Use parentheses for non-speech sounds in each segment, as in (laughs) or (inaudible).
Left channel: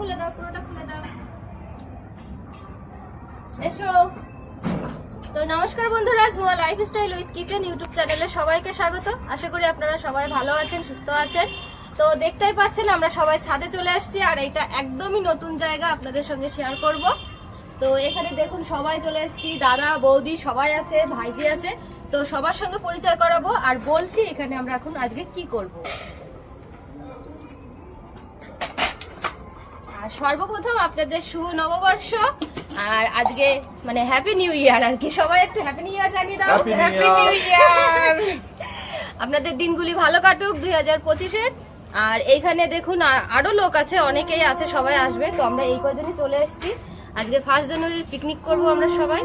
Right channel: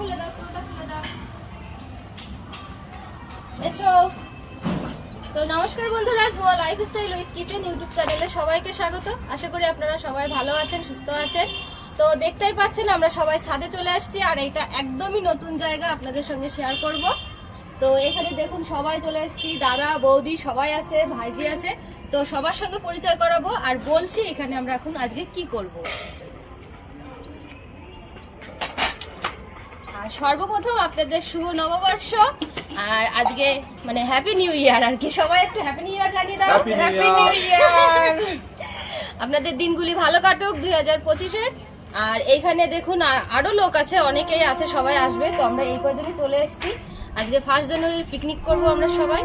খুলে দাও, পুরোটা খুলে দাও। এসো। তো নমস্কার বন্ধুরা, Jhuma lifestyle with kitchen YouTube চ্যানেলে সবাইকে স্বাগত। আশা করি আপনারা সবাই ভালো আছেন, সুস্থ আছেন। তো দেখতেই পাচ্ছেন, আমরা সবাই ছাদে চলে আসছি আর এটা একদমই নতুন জায়গা আপনাদের সঙ্গে শেয়ার করব। তো এখানে দেখুন, সবাই চলে এসেছি, দাদা, বৌদি, সবাই আছে, ভাইজি আছে। তো সবার সঙ্গে পরিচয় করাবো আর বলছি এখানে আমরা এখন আজকে কি করব আর সর্বপ্রথম আপনাদের শুভ নববর্ষ আর আজকে মানে হ্যাপি নিউ ইয়ার আর কি। সবাই একটু হ্যাপি নিউ ইয়ার জানিয়ে দাও। হ্যাপি নিউ ইয়ার আপনাদের দিনগুলি ভালো কাটুক দুই হাজার পঁচিশের। আর এইখানে দেখুন আরও লোক আছে অনেকেই আছে সবাই আসবে। তো আমরা এই কয়জনই চলে এসেছি। আজকে ফার্স্ট জানুয়ারির পিকনিক করব আমরা সবাই।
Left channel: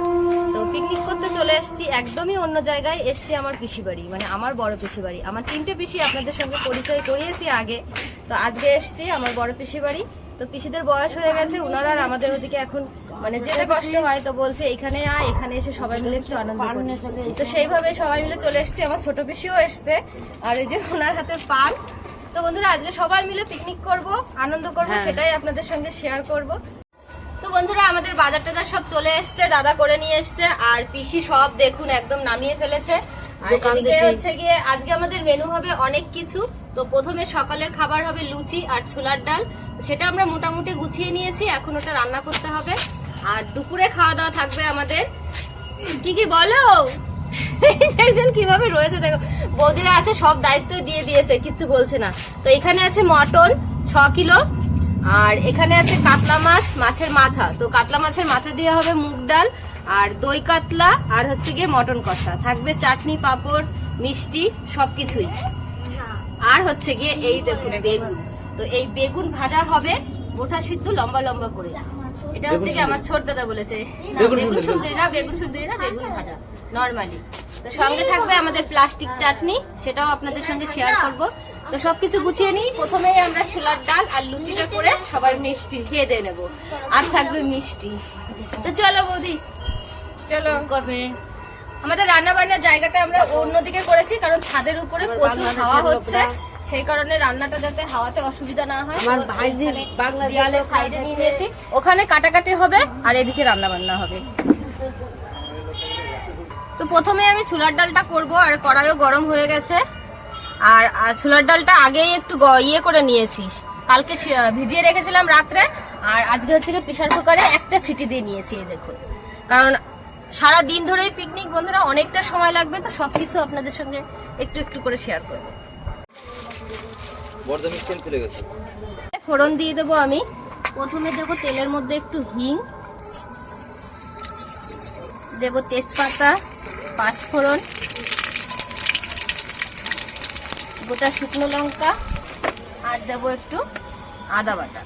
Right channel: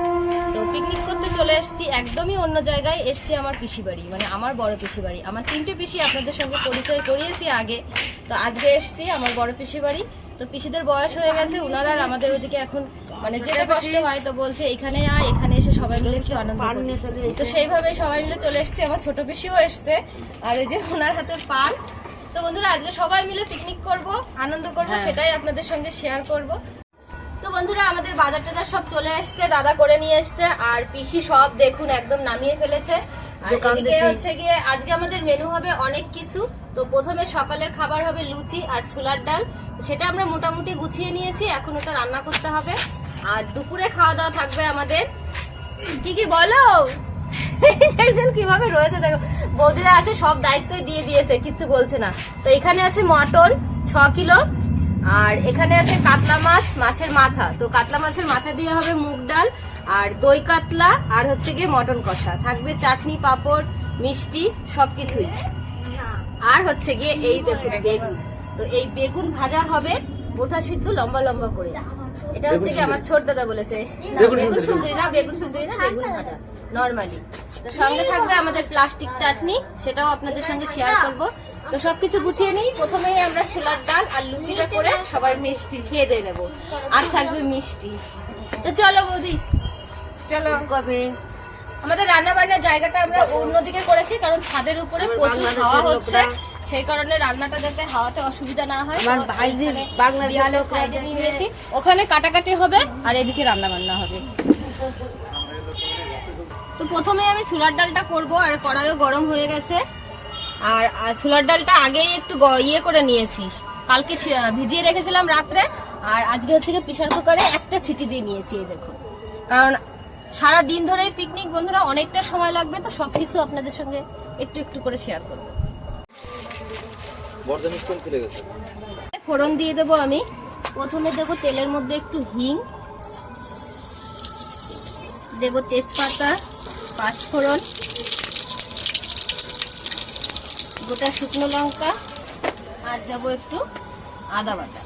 তো পিকনিক করতে চলে এসেছি একদমই অন্য জায়গায়। এসেছি আমার পিসি বাড়ি মানে আমার বড় পিসি বাড়ি। আমার তিনটে পিসি আপনাদের সঙ্গে পরিচয় করিয়েছি আগে। তো আজকে এসেছি আমার বড় পিসি বাড়ি। তো পিসিদের বয়স হয়ে গেছে ওনারা আর আমাদের ওদিকে এখন মানে যেতে কষ্ট হয় তো বলছে এখানে আয় এখানে এসে সবাই মিলে একটু আনন্দ করি। তো সেইভাবে সবাই মিলে চলে এসেছি আমার ছোট পিসিও এসছে আর এই যে ওনার হাতে পান। তো বন্ধুরা আজকে সবাই মিলে পিকনিক করব আনন্দ করব সেটাই আপনাদের সঙ্গে শেয়ার করব। তো বন্ধুরা আমাদের বাজার টাজার সব চলে এসছে দাদা করে নিয়ে এসছে আর পিসি সব দেখুন একদম নামিয়ে ফেলেছে। আর এদিকে হচ্ছে গিয়ে আজকে আমাদের মেনু হবে অনেক কিছু। তো প্রথমে সকালের খাবার হবে লুচি আর ছোলার ডাল। সেটা আমরা মোটামুটি গুছিয়ে নিয়েছি এখন ওটা রান্না করতে হবে। আর দুপুরে খাওয়া দাওয়া থাকবে আমাদের। কি কি বলো? একজন কীভাবে রয়েছে দেখো। বৌদিরা আছে সব দায়িত্বই দিয়ে দিয়েছে কিছু বলছে না। তো এখানে আছে মটন ছ কিলো। আর এখানে আছে কাতলা মাছ মাছের মাথা। তো কাতলা মাছের মাথা দিয়ে হবে মুগ ডাল আর দই কাতলা আর হচ্ছে গিয়ে মটন কষা। থাকবে চাটনি পাঁপড় মিষ্টি সবকিছুই। আর হচ্ছে গিয়ে এই দেখুন বেগুন। তো এই বেগুন ভাজা হবে গোটা সিদ্ধ লম্বা লম্বা করে। এটা হচ্ছে কি আমার ছোট দাদা বলেছে। না, বেগুন সুন্দরী। না বেগুন সুন্দরী না বেগুন ভাজা নর্মালি তো সঙ্গে থাকবে আমাদের প্লাস্টিক চাটনি সেটাও আপনাদের সঙ্গে শেয়ার করব। তো সবকিছু গুছিয়ে নিই। প্রথমেই আমরা ছোলার ডাল আর লুচিটা করে সবাই মিষ্টি খেয়ে দিয়ে নেব। আর থাকবে মিষ্টি। তো চলো বৌদি। চলো। কবে? আমাদের রান্না বান্নার জায়গাটা আমরা অন্যদিকে করেছি কারণ ছাদের উপরে প্রচুর হাওয়া হচ্ছে। সেই কারণে রান্নাটা যাতে হাওয়াতে অসুবিধা না হয় দেয়ালের সাইডে নিয়ে নিয়েছি। ওখানে কাটাকাটি হবে আর এদিকে রান্না বান্না হবে। তো প্রথমে আমি ছোলার ডালটা করব আর কড়াইও গরম হয়ে গেছে। আর ছোলার ডালটা আগেই একটু ইয়ে করে নিয়েছিস। কালকে ভিজিয়ে রেখেছিলাম রাত্রে আর আজকে হচ্ছে গিয়ে প্রেশার কুকারে একটা ছিটি দিয়ে নিয়েছি এই দেখুন। কারণ সারা দিন ধরেই পিকনিক বন্ধুরা অনেকটা সময় লাগবে তো সবকিছু আপনাদের সঙ্গে একটু একটু করে শেয়ার করব। ফোড়ন দিয়ে দেবো আমি। প্রথমে দেবো তেলের মধ্যে একটু হিং। দেবো তেজপাতা পাঁচফোড়ন। গোটা শুকনো লঙ্কা আর দেবো একটু আদা বাটা।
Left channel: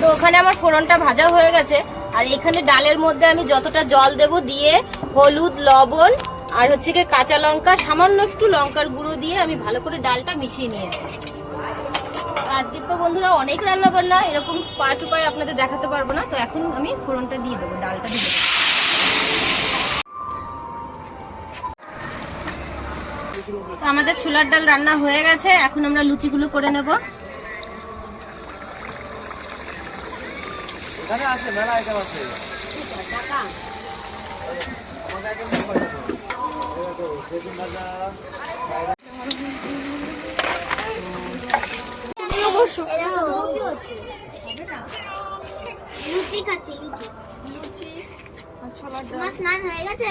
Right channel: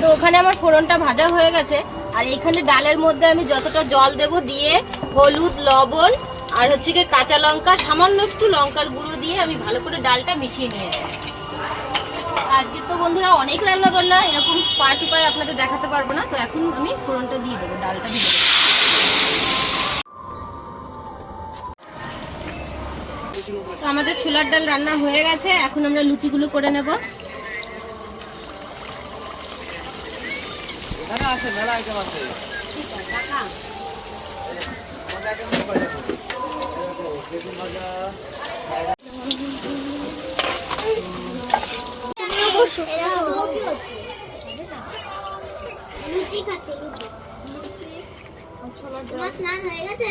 তো ওখানে আমার ফোড়নটা ভাজা হয়ে গেছে, আর এখানে ডালের মধ্যে আমি যতটা জল দেব দিয়ে হলুদ, লবণ আর হচ্ছে কি কাঁচা লঙ্কা, সামান্য একটু লঙ্কার গুঁড়ো দিয়ে আমি ভালো করে ডালটা মিশিয়ে নিয়েছি। আজকে তো বন্ধুরা অনেক রান্না বান্না, এরকম পার্ট উপায় আপনাদের দেখাতে পারব না, তো এখন আমি ফোড়নটা দিয়ে দেবো, ডালটা দিয়ে দেবো। তো আমাদের ছোলার ডাল রান্না হয়ে গেছে এখন আমরা লুচিগুলো করে নেব। লুচি খাচ্ছে লুচি। তোমার স্নান হয়ে গেছে?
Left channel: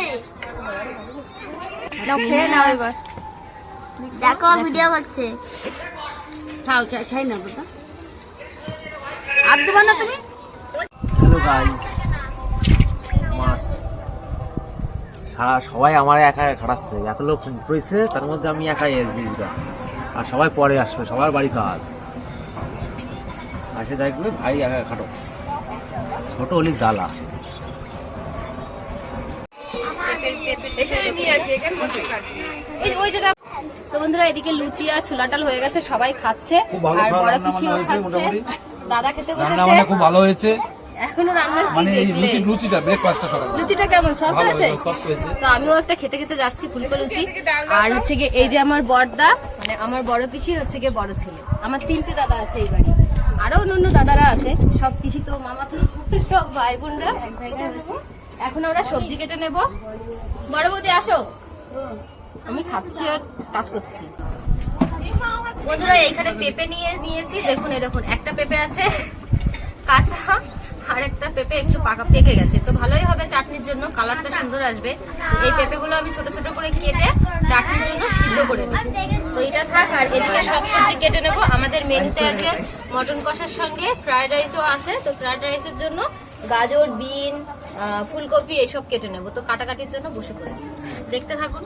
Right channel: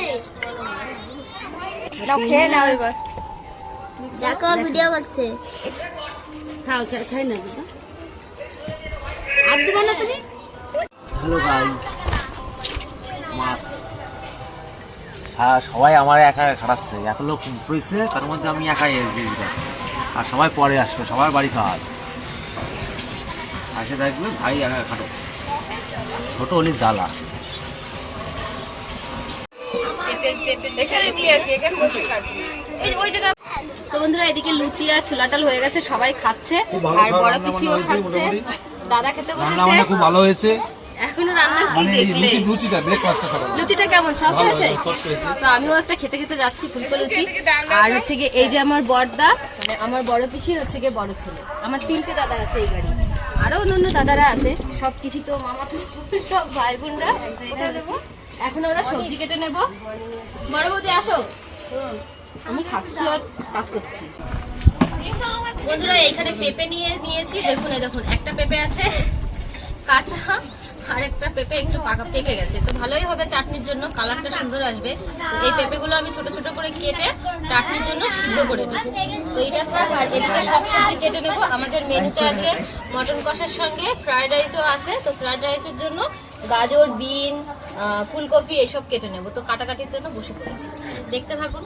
খেয়ে নাও এবার। দেখো ভিডিও করছে। খাও খাই না বাবা আর দেবো না তুমি হ্যালো গাইস মাছ সবাই আমার একা একা খাটাচ্ছে। এত লোক পড়েছে তার মধ্যে আমি একাই এসবি আর সবাই পরে আসবে সবার বাড়ি কাজ আসে দেখবে ভাই একা খাটো। ছোট হলি জ্বালা। এই ওই জায়গা তো বন্ধুরা এদিকে লুচি আর ছোলা ডাল হয়ে গেছে সবাই খাচ্ছে। আর বড় রান্না পিসিও খাচ্ছে। দাদা খেতে রান্না বসেছে খুব ভালো হয়েছে। এখনও রান্নার কি মানে লুচি লুচিটা ব্রেকফাস্টটা সকাল লুচিটা কেমন? সফট হয়েছে? তো আমিও একটা খেতে খেতে যাচ্ছি ফুলকো লুচি। আর হচ্ছে গিয়ে এই যে আমার বড়দা মানে আমার বড় পিসির হচ্ছে গিয়ে বড় ছেলে। আমার তিনটে দাদা আছে এই গাড়ি আরও অন্যান্য দাদারা আছে। সব কিছু তো মামা তো সব ভাই বোনরা এক জায়গায় এখন আমরা সবজি কেটে নেব। বড় বৌদি আসো। আমি খাচ্ছি আর কাজ করছি। বন্ধুরা, এইখানে পেঁপে নিয়ে নিয়েছি। দেখুন, এই দেখুন, একটা পেঁপে আছে, কাঁচা, আর একটা পেঁপে একটু পাকা পেকে গেছে। তো ভালোই হবে চাটনির জন্য, কালারটা সুন্দর আসবে। এই পেঁপেগুলো আমি ছোট ছোট করে কেটে চাটনির জন্য সিদ্ধ করে নেব। তো এটা থাক, আর এদিকে সব সবজি কেটে নেব। আমাদের মেনুতে আছে মটন কষার সঙ্গে ফ্রায়েড রাইসও আছে। তো ফ্রায়েড রাইসের জন্য গাজর, বিন ফুলকপি, এসব কেটে নেব। তো কাটাকাটির জন্য বসে পড়েছি। দেখতে থাকুন।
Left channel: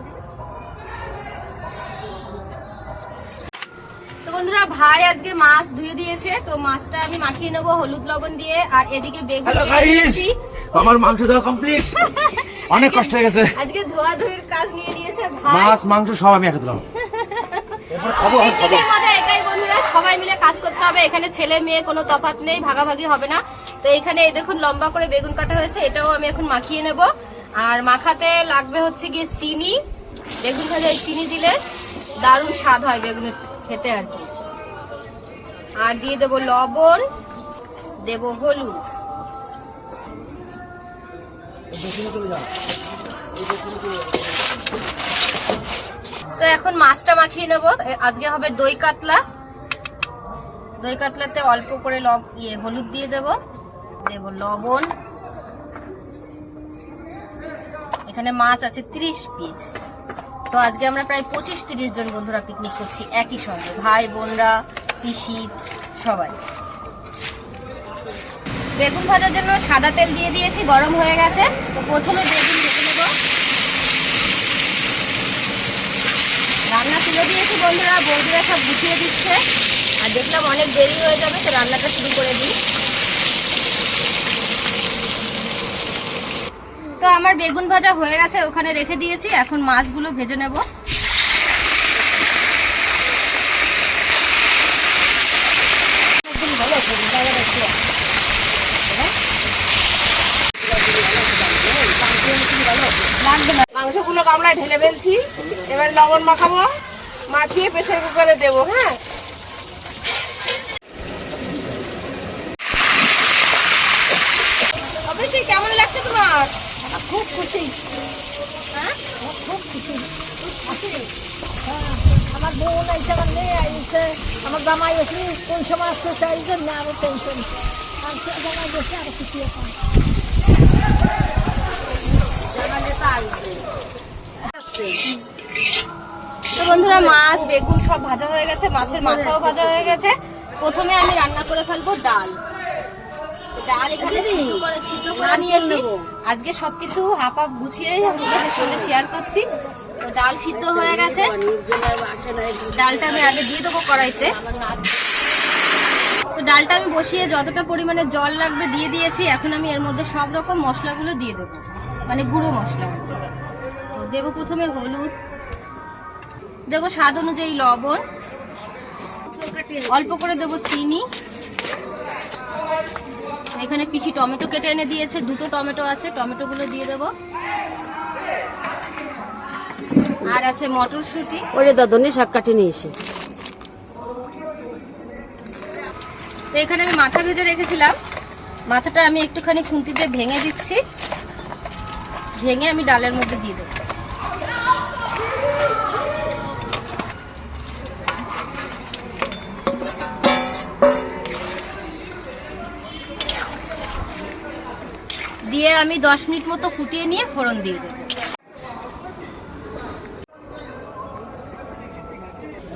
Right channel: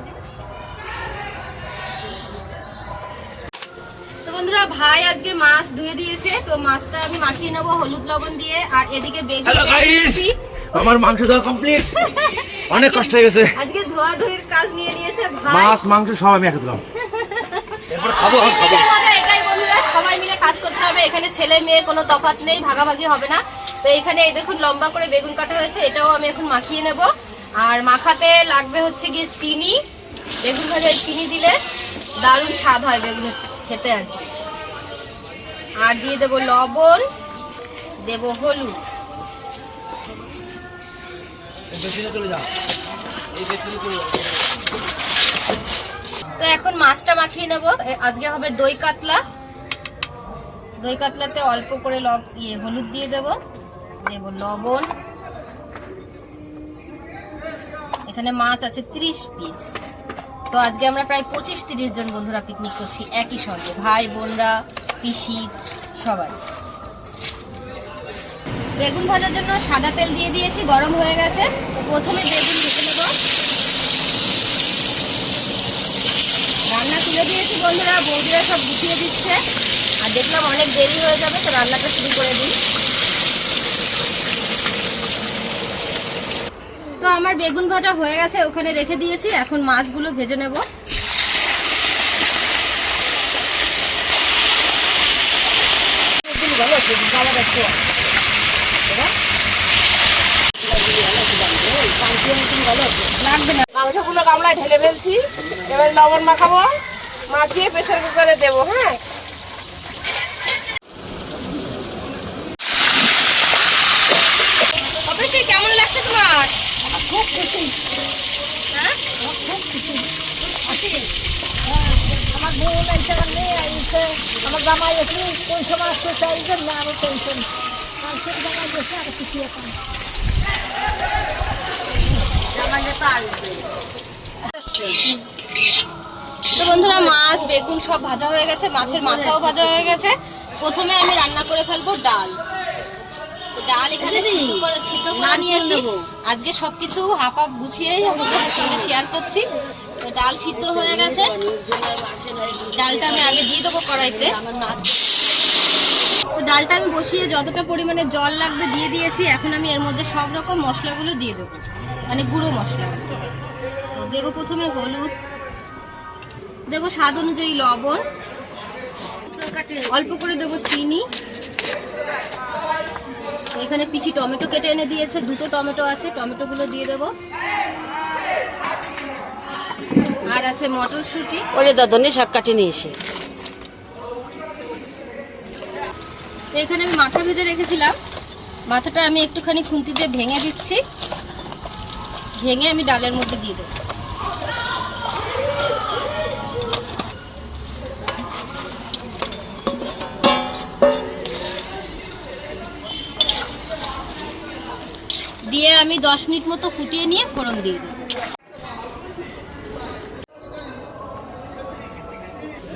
বন্ধুরা ভাই আজকে মাছ ধুয়ে দিয়েছে তো মাছটা আমি মাখিয়ে নেব হলুদ লবণ দিয়ে। আর এদিকে। আমার মাংস দেওয়া কমপ্লিট অনেক কষ্ট হয়ে গেছে। আজকে ধোয়া ধুয়ের কাজ নিয়ে নিয়েছে মাছ মাংস সব আমি একদম খাব খাব। এটাই বন্ধুরা সবাই মিলে কাজ করতে হবে। এখানে ছেলে মেয়ে কোনো নেই ভাগাভাগি হবে না। তো এখানে এই দেখুন লম্বা করে বেগুন কাটা হয়েছে এটাও আমি এখন মাখিয়ে নেব। আর মাখাতে লাগবে হচ্ছে গিয়ে চিনি। বেগুন ভাজায় চিনি দিলে দারুণ স্বাদ হয় বেগুন খেতে আর কি। আর দিয়ে দেবো লবণ, দেবো হলুদ। তো এখন মাছটা মাখিয়ে নেব। আজকে হবে দই কাতলা। দই কাতলাতে অল্প করে লব ইয়ে হলুদ দিয়ে দেব। দেব লবণ। এখানে মাছ আছে 30 পিস। তো আজকে আমরা প্রায় পঁচিশ তিরিশ জন বন্ধুরা পিকনিক করছি একই সঙ্গে। ভাই, বোনরা পিসি, সবাই। বেগুন ভাজার জন্য সাদা তেল দিয়ে দিয়েছি, গরম হয়ে গেছে। তো প্রথমে বেগুন ভেজে নেব। রান্না তুলে দিয়েছি বন্ধুরা, বৌদিরা সব গুছিয়ে দিচ্ছে। আর দেখলাম অনেক দেরি হয়ে যাবে, তো রান্নাটা শুরু করে দিই। তো আমার বেগুন ভাজা হয়ে গেছে, ওখানে রেখে দিয়েছি, এখন মাছগুলো ভেজে নেব। লাগবে না। মাংসগুলো গামলায় ঢেলে ফেলছি। এবার লবণ মাখাবো। মাখিয়ে প্রেশার কুকারে দেবো হ্যাঁ? অবশ্যই কেমন লাগছে তোমার? খুব খুশি। আমার বোন এসে আমার মেয়ে এসে আমার জামাই এসে কোন সময় আসতে চাইছেন না আরও টেনশন আরও এখন তো বন্ধুরা, মাছ, বেগুন সব ভাজা হয়ে গেছে, মাছের মাথাও ভাজা হয়ে গেছে। প্রথমে আমি রান্না করে ফেলব ডাল। ডাল এখানে সিদ্ধ করে সিদ্ধ করে নিয়েছি আজকে সবকিছু হাফ হাফ গুছিয়ে আপনাদের সঙ্গে শেয়ার করছি। তো ডাল সিদ্ধ হয়ে গেছে। ডালটা আমি আগে দিয়ে দেবো কড়াইতে। তো ডালটা আমি বসিয়ে যতটা পরিমাণে জল লাগবে দিয়ে দিয়েছি এখন আমি এর মধ্যে সব রকম মশলাগুলো দিয়ে দেবো। মানে গুঁড়ো মশলা তো দেবো প্রথমে হলুদ। দেবো স্বাদ অনুযায়ী লবণ। অল্প করে দেবো চিনি। এখানে পিছি টমেটো কেটে এনে দিয়েছে দুটো টমেটো আছে টমেটোগুলো দিয়ে দেবো। আর আছে মটরশুঁটি। ওরে দাদনে শাক কাটে নিয়ে এসে। তো এখানে আমি মাথা ভেজে রেখেছিলাম। মাথাটা আমি একটুখানি খুন্তি দিয়ে ভেঙে দিচ্ছি। ভেঙে আমি ডালের মধ্যে দিয়ে দেবো। দিয়ে আমি দশ মিনিট মতো ফুটিয়ে নিয়ে ফোড়ন দিয়ে দেবো।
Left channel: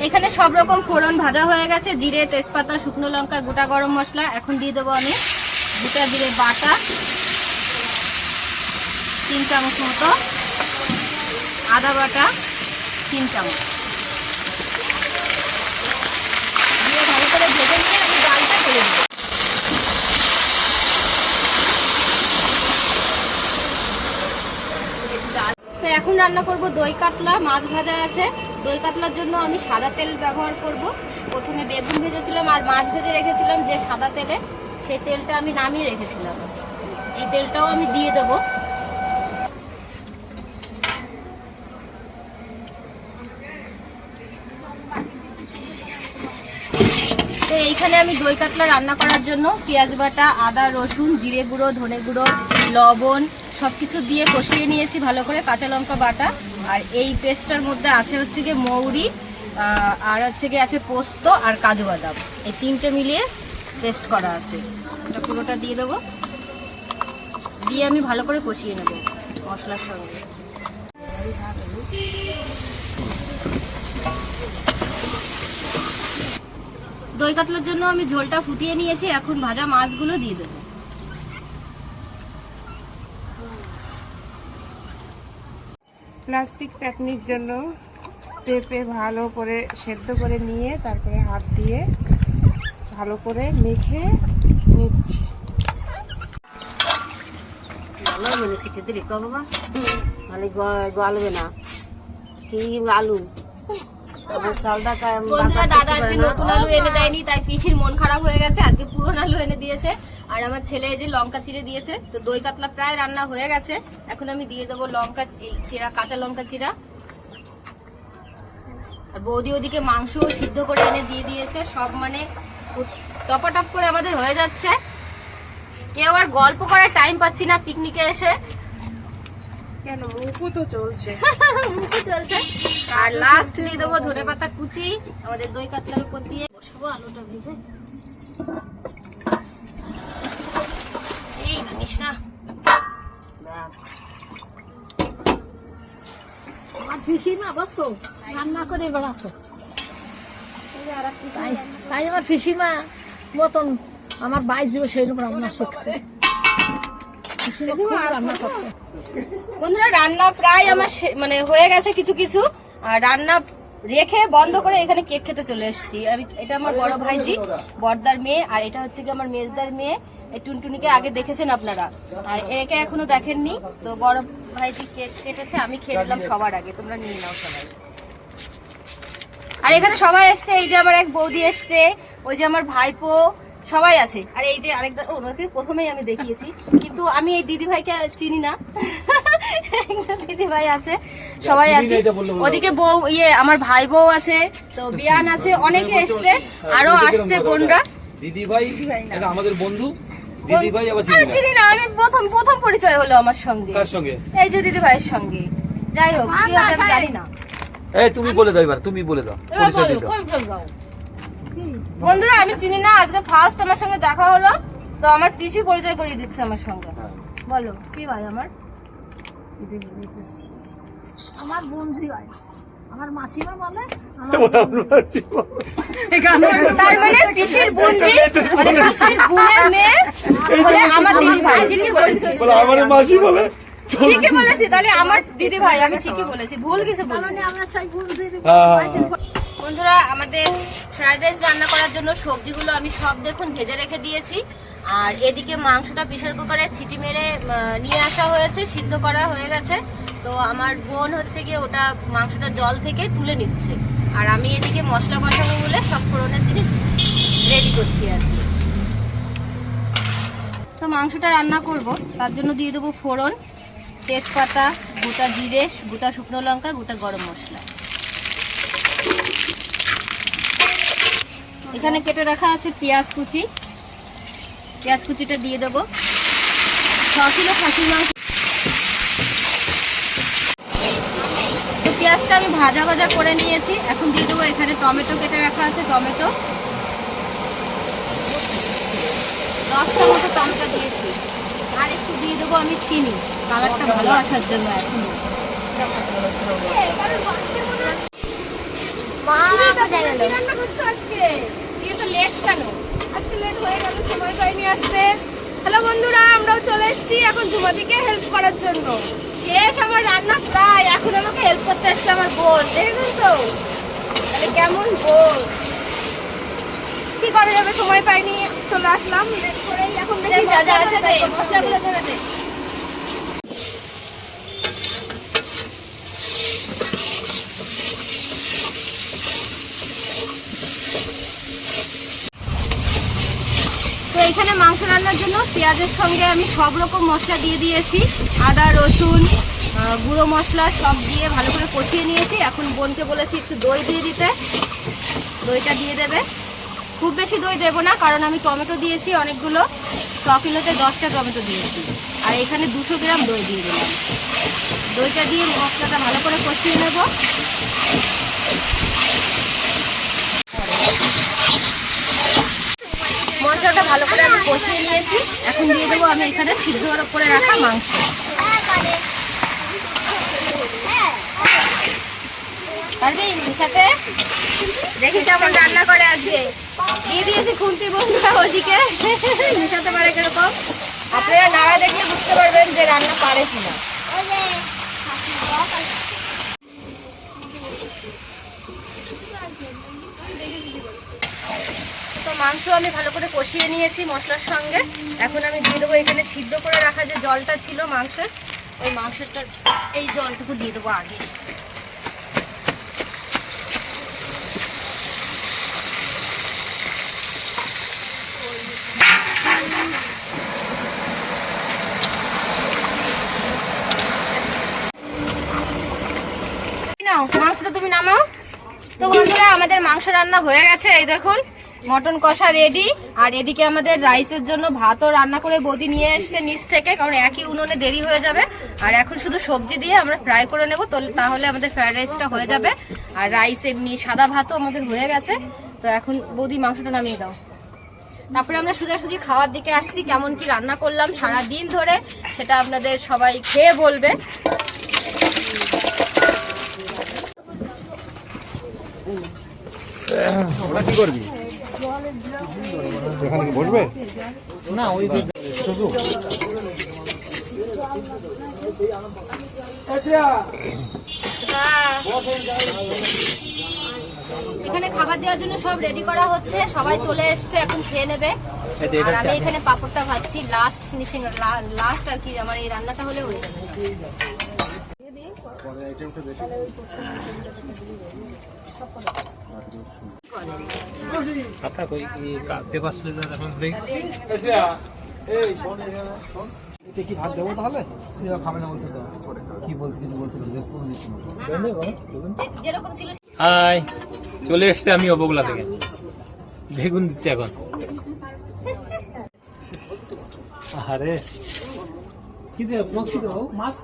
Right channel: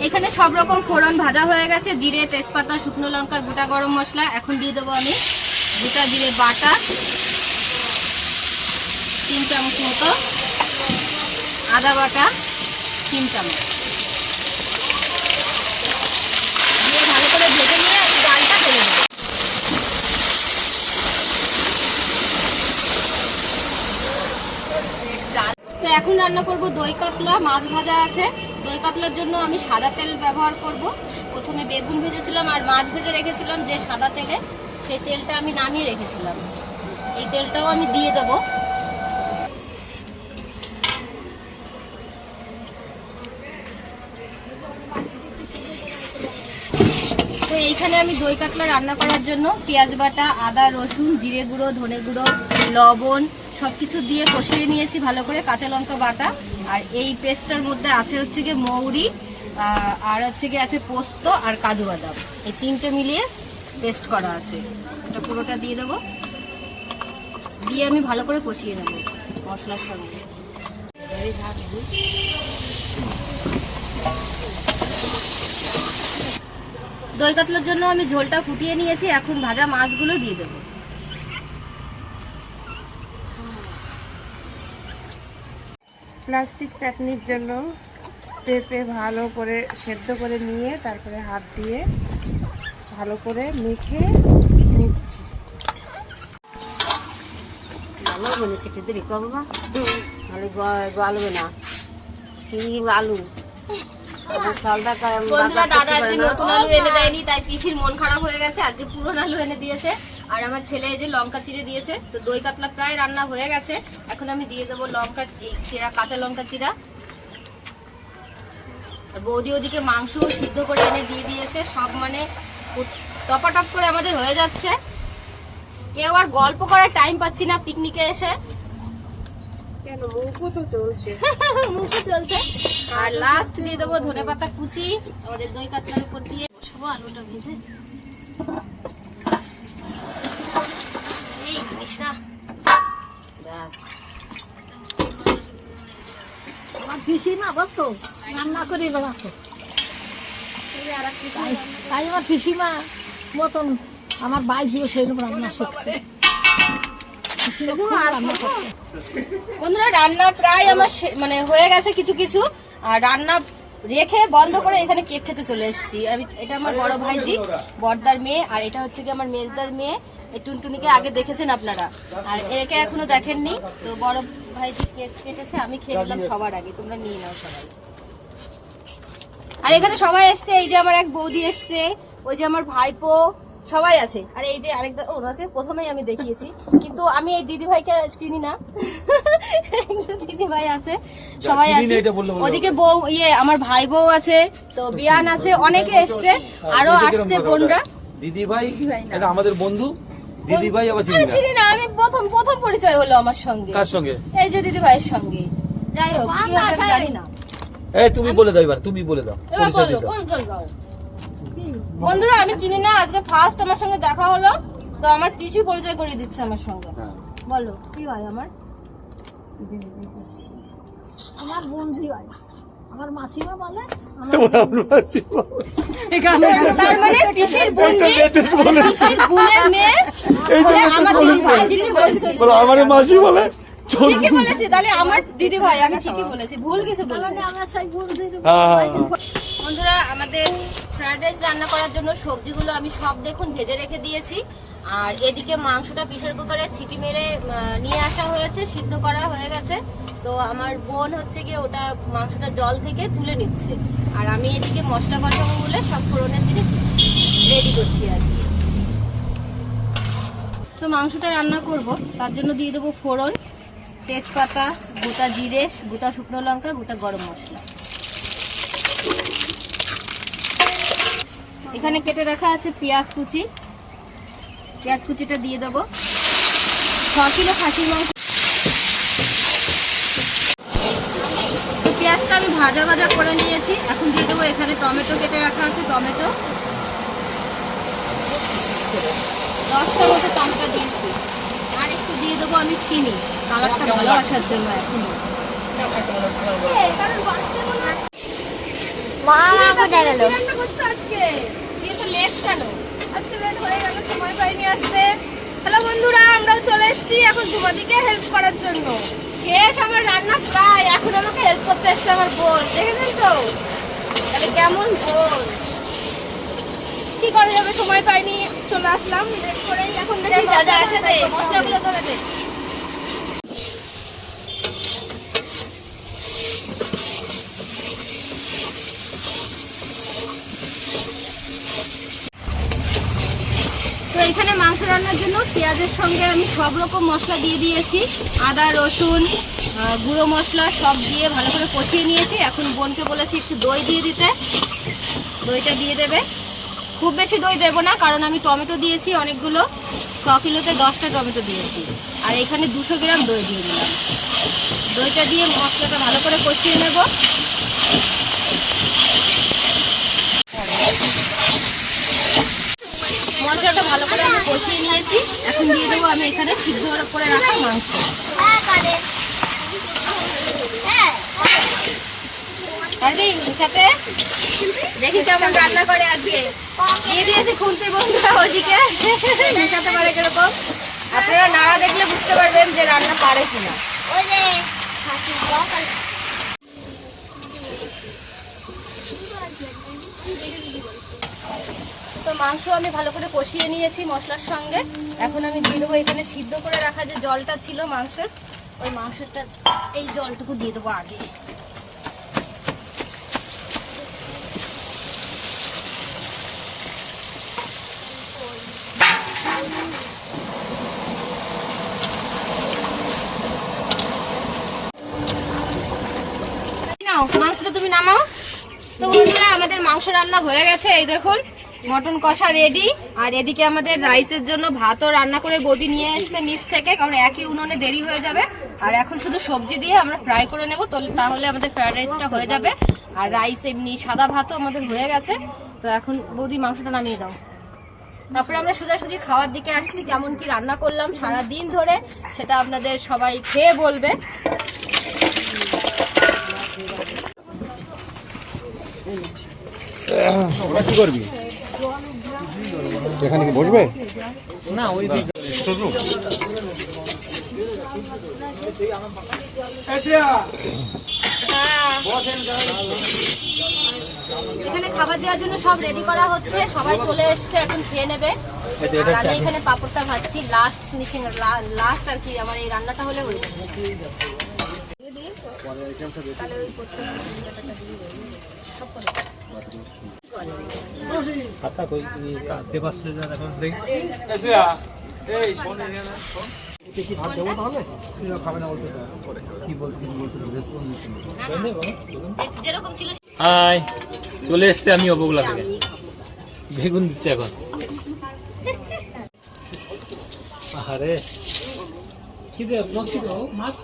এখানে সব রকম ফোড়ন ভাজা হয়ে গেছে। জিরে, তেজপাতা, শুকনো লঙ্কা, গোটা গরম মশলা। এখন দিয়ে দেবো আমি গোটা জিরে বাটা, তিন চামচ মতো আদা বাটা, তিন চামচ। দিয়ে ভালো করে ভেজে নিয়ে ডালটা ফেলে দেবো তো এখন রান্না করব দই কাতলা, মাছ ভাজা আছে। দই কাতলার জন্য আমি সাদা তেল ব্যবহার করব। প্রথমে বেগুন ভেজেছিলাম আর মাছ ভেজে রেখেছিলাম যে সাদা তেলে। সেই তেলটা আমি নামিয়ে রেখেছিলাম। এই তেলটাও আমি দিয়ে দেবো। তো এইখানে আমি দই কাতলা রান্না করার জন্য পেঁয়াজ বাটা, আদা, রসুন, জিরে গুঁড়ো, ধনে গুঁড়ো, লবণ সবকিছু দিয়ে কষিয়ে নিয়েছি ভালো করে কাঁচা লঙ্কা বাটা। আর এই পেস্টটার মধ্যে আছে হচ্ছে গিয়ে মৌরি আর হচ্ছে গিয়ে আছে পোস্ত আর কাজু বাদাম। এই তিনটে মিলিয়ে পেস্ট করা আছে। এটা পুরোটা দিয়ে দেবো। দিয়ে আমি ভালো করে কষিয়ে নেব মশলার সঙ্গে। দই কাতলার জন্য আমি ঝোলটা ফুটিয়ে নিয়েছি। এখন ভাজা মাছগুলো দিয়ে দেবো। প্লাস্টিক চাটনির জন্য পেঁপে ভালো করে সেদ্ধ করে নিয়ে তারপরে হাত দিয়ে ভালো করে মেখে নিচ্ছি। ভালো হবে না সিটি দিলি কম বাবা গলবে না। কি আলু? বন্ধুরা দাদা আজকে নতুন আলু এনে দেয়নি তাই পিসির মন খারাপ হয়ে গেছে আজকে পুরনো আলু এনে দিয়েছে। আর আমার ছেলে এই যে লঙ্কা চিড়ে দিয়েছে তো দই কাতলা প্রায় রান্না হয়ে গেছে। এখন আমি দিয়ে দেবো লঙ্কা এই চিরা কাঁচা লঙ্কা চিরা আর বৌদি ওদিকে মাংস সিদ্ধ করে এনে দিয়ে দিয়েছে সব মানে টপাটপ করে আমাদের হয়ে যাচ্ছে। কেউ আর গল্প করার টাইম পাচ্ছি না পিকনিকে এসে। কেন? মুখু তো চলছে। (laughs) মুখে চলছে। আর লাস্ট দিয়ে দেবো ধনে পাতা কুচি আমাদের দই কাতলার উপর দিয়ে। বসবো আলুটা ভেজে। এই জানিস না আমার পিসিমা বসো। রান্না করে বেড়াতো তাই তাই আমার পিসিমা মতন আমার বাইজিও সেইরকম রান্না শিখছে। বন্ধুরা রান্না প্রায় আমার মানে হয়ে গেছে কিছু কিছু। আর রান্না রেখে বন্ধ করে এখানে কেক খেতে চলে এসেছি। আমি, এটা আমার বড় ভাইজি, বর্দার মেয়ে, আর এটা হচ্ছে কি আমার মেজদার মেয়ে। এই টুনটুনিকে আগে দেখেছেন আপনারা। আর একে এখনও দেখেননি। তো বড় ভাইজি কেক কেটেছে, আমি খেয়ে নিলাম সবার আগে। তোমরা নিয়ে নাও সবাই। আর এখানে সবাই এসছে। এই যে আমার এক বৌদি এসছে, ওই যে আমার ভাইপো সবাই আছে। আর এই যে আরেক দা- ওনাকে প্রথমেই আমি দেখিয়েছি। কিন্তু আমি এই দিদি ভাইকে চিনি না। (laughs) দিদি ভাই আছে সবাই আছে। ওদিকে বউ ইয়ে আমার ভাই বউ আছে। তো বিয়ান আছে অনেকে এসছে। আরও আসছে বোনরা। দিদি ভাই এটা আমাদের বন্ধু। দিদি ভাই আবার চিনি না। আমি প্রথম প্রথম পরিচয় হলো আমার সঙ্গে। কার সঙ্গে? এই যে দিদি ভাইয়ের সঙ্গে। যাই হোক কি হবে আমি জানি না। এই তুমি বলে দাও এবার তুমি বলে দাও পরিচয় দিয়ে দাও। বন্ধুরা আমি চিনি না আজকে ফার্স্ট আমার সঙ্গে দেখা হলো তো আমার পিসি পরিচয় করিয়ে দিচ্ছে আমার সঙ্গে। বলো কি ভাই আমার? আমার বন্ধু হয় আমার মাসিমা বলে তার মানে পিসির বোনজি মানে পিসির বোনের মেয়ে বলে আমার দিদি ভাই ঠিকই বলেছি আমার মাসি বলে? ঠিকই বলেছি তাহলে আমার দিদি ভাই আমি ঠিকই বলেছি ভুল কিছু বলিনি আমার সেই বন্ধুদের বন্ধুরা আমাদের ফ্রাইড রাইস রান্না করার জন্য সবজিগুলো আমি সব দেখুন ভেজে রেখে দিয়েছি। আর এদিকে মাংসটা প্রেশার কুকারে সিটি মেরে নিয়ে আসা হয়েছে সিদ্ধ করা হয়ে গেছে। তো আমার বোন হচ্ছে গিয়ে ওটা মাংসটা জল থেকে তুলে নিচ্ছে। আর আমি এদিকে মশলা কষাবো বলে সব ফোড়নের জিনিস রেডি করছি আর কি। তো মাংসটা রান্না করব তার জন্য দিয়ে দেবো ফোড়ন। তেজপাতা, গোটা জিরে, গোটা শুকনো লঙ্কা, গোটা গরম মশলা। এখানে কেটে রাখা আছে পেঁয়াজ কুচি। পেঁয়াজ কুচিটা দিয়ে দেবো। ছ কিলো খাসির মাংস। পেঁয়াজটা আমি ভাজা ভাজা করে নিয়েছি। এখন দিয়ে দেবো এখানে টমেটো কেটে রাখা আছে, টমেটো। দশটা মতো টমেটো দিয়েছি। আর একটু দিয়ে দেবো আমি চিনি। কালারটা ভালো আসার জন্য এখন। হ্যালো বন্ধুরা আমরাও চলে এসেছি এখন হেল্প করার শেষ আমার রান্না প্রায় এখন আমাকে হেল্প করতে আসছে আমার বোন দেখেছেন তো? তাহলে কেমন বোন? কি করা যাবে সময় পাইনি চলে আসলাম। এখন দেখি যা যা আছে মশলাগুলো ধরে দে। এখানে মাংস রান্নার জন্য পেঁয়াজের সঙ্গে আমি সব রকম মশলা দিয়ে দিয়েছি। আদা, রসুন গুঁড়ো মশলা সব দিয়ে ভালো করে কষিয়ে নিয়েছি। এখন বোনকে বলেছি একটু দই দিয়ে দিতে। দইটা দিয়ে দেবে। খুব বেশি দই দেবো না, কারণ আমি টমেটো দিয়েছি অনেকগুলো। ছ কিলোতে দশটা টমেটো দিয়েছি। আর এখানে দুশো গ্রাম দই দিয়ে দিলাম। দইটা দিয়ে মশলাটা ভালো করে কষিয়ে নেব মশলাটা ভালো করে আমি কষিয়ে নিয়েছি। এখন দিয়ে দেবো আমি এখানে সিদ্ধ করে রাখা মাংস। সাথে দেখি কেমন রান্না করে আজকে। দিয়ে দিয়েছি খুন্তি বন্ধুরা ওদিকে। মেশাতে পারে কীরকম? আপনারা নাড়া দেখলে বুঝতে পারবেন যে রান্না পারে কিনা। মাংস আমি ভালো করে কষিয়ে নিয়েছি মশলার সঙ্গে। এখন আমি দিয়ে দেবো এখানে সিদ্ধ করে রাখা যে জলটা ছিল মাংসের, ওই মাংসটা, এই জলটুকু দিয়ে দেবো আগে। মাংসটা তুমি নামাও। তো বন্ধুরা, আমাদের মাংস রান্না হয়ে গেছে, এই দেখুন। মটন কষা রেডি আর এদিকে আমাদের রাইসের জন্য ভাতও রান্না করে বদি নিয়ে এসছে নিচ থেকে, কারণ একই উনুনে দেরি হয়ে যাবে। আর এখন শুধু সবজি দিয়ে আমরা ফ্রাই করে নেব তাহলে আমাদের ফ্রাইড রাইসটা হয়ে যাবে। আর রাইস এমনি সাদা ভাতও আমাদের হয়ে গেছে। তো এখন বৌদি মাংসটা নামিয়ে দাও। তারপরে আমরা সোজাসুজি খাওয়ার দিকে আসছি, কেমন কি রান্না করলাম সারা দিন ধরে, সেটা আপনাদের সবাই খেয়ে বলবে। এখানে কি বসবে? না ওই এখানে খাবার দেওয়ার জন্য সব রেডি করা হচ্ছে সবাই চলে এসছে এখন খেয়ে নেবে। আর আমি এখানে পাপড়টা ভাজছি লাস্ট ফিনিশিং লাস্ট আর কি আমার এই রান্নাটা হলে হয়ে যাবে। হাই, চলে এসছে আমি অবগুলা থেকে। বেগুন দিচ্ছি এখন। আরে কি মাছ।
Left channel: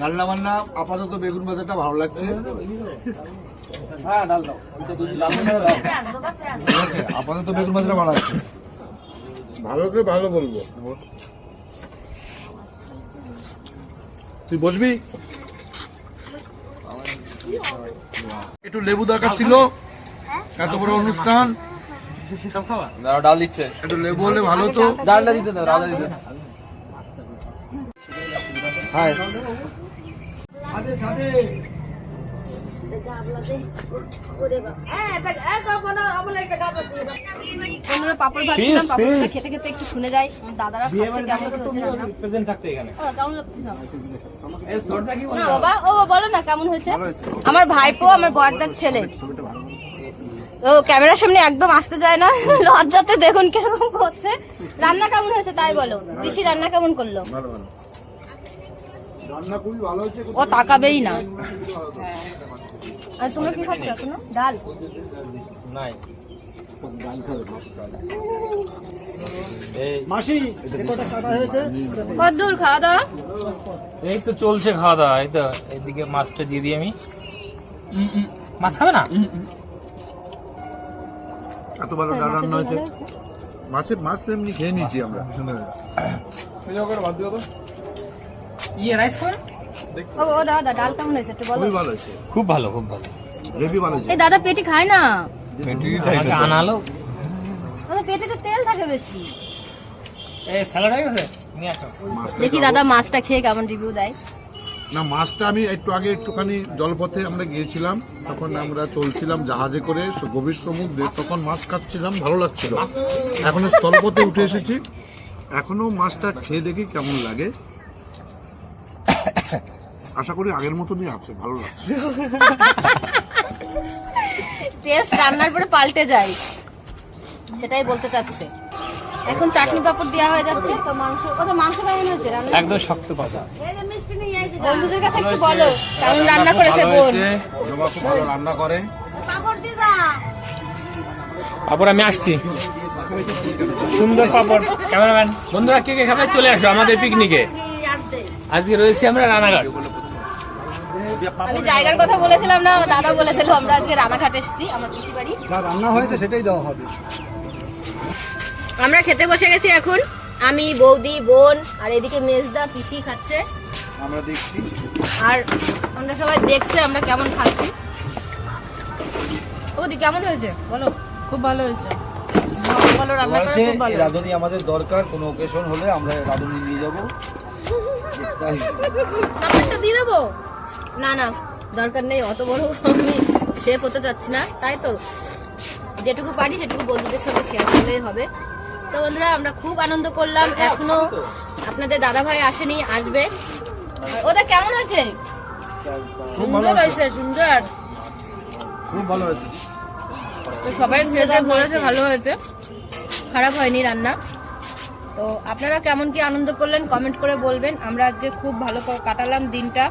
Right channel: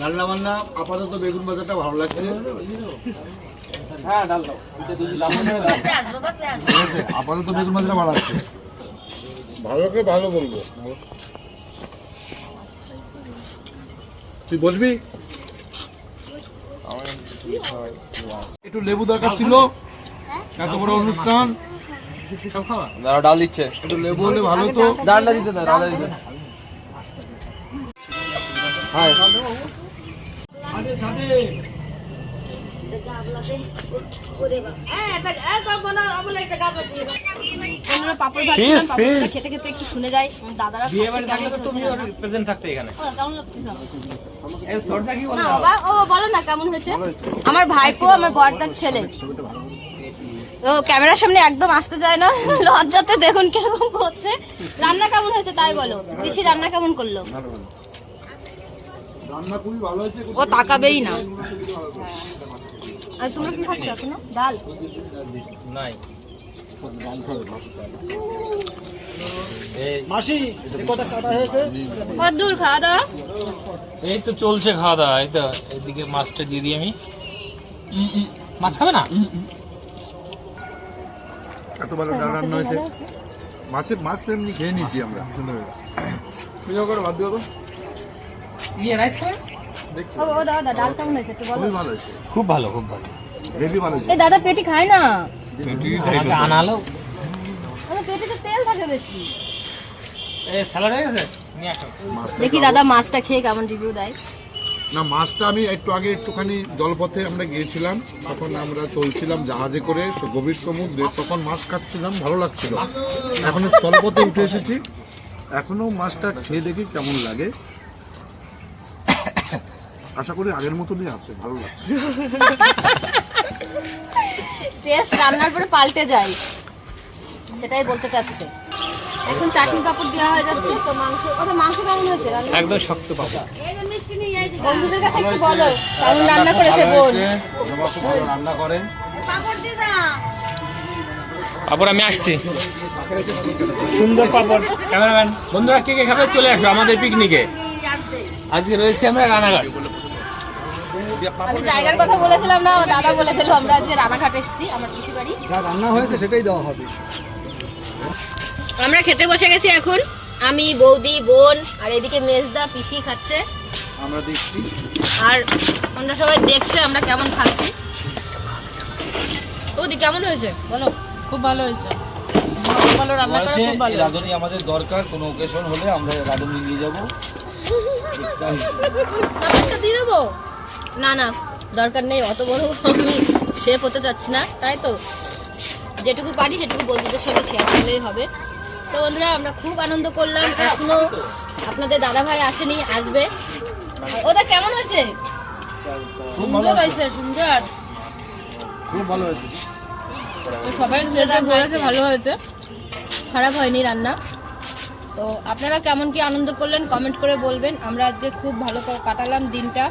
রান্না বান্না, আপাতত বেগুন বাজারটা ভালো লাগছে। হ্যাঁ ডাল দাও। আপাতত বেগুন বাজারটা ভালো করে ভালো বলব। তুই বসবি? একটু লেবু দরকার ছিল। এত বড় অনুষ্ঠান। ডাল দিচ্ছে। একটু লেবু হলে ভালো তো। ডালটা দিতে দাও ডালটা দিতে দাও। ছাদে বন্ধুরা পাপড় ভাজছিলাম পাপড়টা খেতে খেতে একটু শুনে যাই। দাদারা ও, না? বাবা ও বলো না কেমন হয়েছে? আমার ভাইপো আমার বড়দার ছেলে। ও ক্যামেরার সামনে একদম আসতে যায় না। লজ্জাতে দেখুন কেমন করছে। রান্না কেমন হয়েছে তাই বলো। বেশি রান্না কেমন করল? ভালো ভালো। রান্না খুবই ভালো হয়েছে ও তাকাবেই না। তোমরা কি খাচ্ছ এখন? ডাল? নাই। ডাল খাবে মাছ এই মাসি কটা কাটা হয়েছে? কত দূর খাওয়া দাওয়া? এই তো চলছে খাওয়া দাওয়া এই তো এদিকে মাছটা দিয়ে দিই আমি। মাছ খাবে না? এত ভালো ডাল রান্না হয়েছে। মাছের মাছ তো এমনি খেয়ে নিয়েছি আমরা। ভাত দিও ইয়ে রাইস খাবে ও ও দাদা ডাল কেমন হয়েছে একটু বলো। খুবই ভালো হয়েছে। খুব ভালো খুব ভালো। হেভি ভালো হয়েছে। এই দাদা পেটি খায় না? আনালো। পেটে তো তেল থাকে বেশি। এই স্যালাড হয়ে গেছে? মাছটা দেখি দাদা মাছটা খেয়ে কেমন রিভিউ দেয়। না মাছটা আমি একটু আগে একটুখানি জলপথে আমরা গিয়েছিলাম। তখন আমরা চলছিলাম জাহাজে করে গভীর সমুদ্রে তখন মাছ খাচ্ছিলাম ভালো লাগছিল। এখন স্থলপথে উঠে এসেছি। এখনও মাছটা খেয়ে দেখি কেমন লাগে। আশা করি আগের মতনই আছে ভালো লাগছে। টেস্ট রান্নার পরে পাল্টে যায়। সেটাই বলতে চাচ্ছে। এখন চাটনি পাপড় দেওয়া হয়ে যাচ্ছে তো মাংস ওটা মাংস কেমন হয়েছে রান্না একদম শক্ত পাবো বন্ধুদের কাছে একটু বলো কেমন রান্না করেছে বোন? খুব ভালো রান্না করে। তারপর আমি আসছি। সুন্দর পাপড় ক্যামেরাম্যান। বন্ধুরা কে কে খাবে চলে আসো আমাদের পিকনিকে আজকে রয়েছি আমরা রানাঘাট। আমি জায়গার কথা বলেছিলাম না দাদা বলে দিল আমরা আজকে রানাঘাট এসেছি আমার পিসি বাড়ি যা রান্না হয়েছে সেটাই দেওয়া হবে। আমরা খেতে বসে গেছি এখন। আমি বৌদি বোন আর এদিকে মেজদা পিসি খাচ্ছে। আমরা দেখছি। আর আমরা সবাই দেখছে আমরা কেমন খাচ্ছি। বৌদি কেমন হয়েছে? বলো। খুব ভালো হয়েছে। ভালো রান্না করা খুব ভালো। রাঁধুনি আমাদের দরকার কোনো ওকেশন হলে আমরা রাঁধুনি নিয়ে যাব। এক্সট্রা দিয়ে দেবো? না না দরকার নেই অত বড় আমি শেফ হতে চাচ্ছি না তাই তো? যেটুকু পারি সেটুকু বন্ধুদের সঙ্গে শেয়ার করলেই হবে। তো বন্ধুরা আমরা খুব আনন্দ করলাম এখনও আপনাদের দাদা ভাই আসেনি আসবে। ওটা কেমন হয়েছে সুন্দর হয়েছে সুন্দর। খুব ভালো হয়েছে তো সবাই খেতে বলেছে ভালো হয়েছে। খারাপ হয়নি রান্না। তো আপনারা কেমন কি আনন্দ করলেন কমেন্ট করে বলবেন। আমরা আজকে খুব ভালো কাটালাম দিনটা।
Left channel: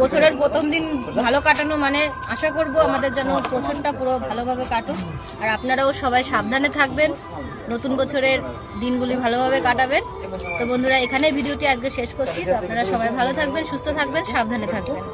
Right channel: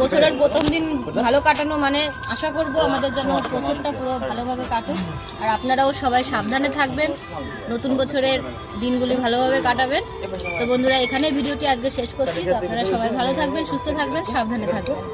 বছরের প্রথম দিন ভালো কাটানো মানে আশা করব আমাদের যেন বছরটা পুরো ভালোভাবে কাটুক। আর আপনারাও সবাই সাবধানে থাকবেন, নতুন বছরের দিনগুলি ভালোভাবে কাটাবেন। তো বন্ধুরা এখানে ভিডিওটি আজকে শেষ করছি। তো আপনারা সবাই ভালো থাকবেন, সুস্থ থাকবেন, সাবধানে থাকবেন।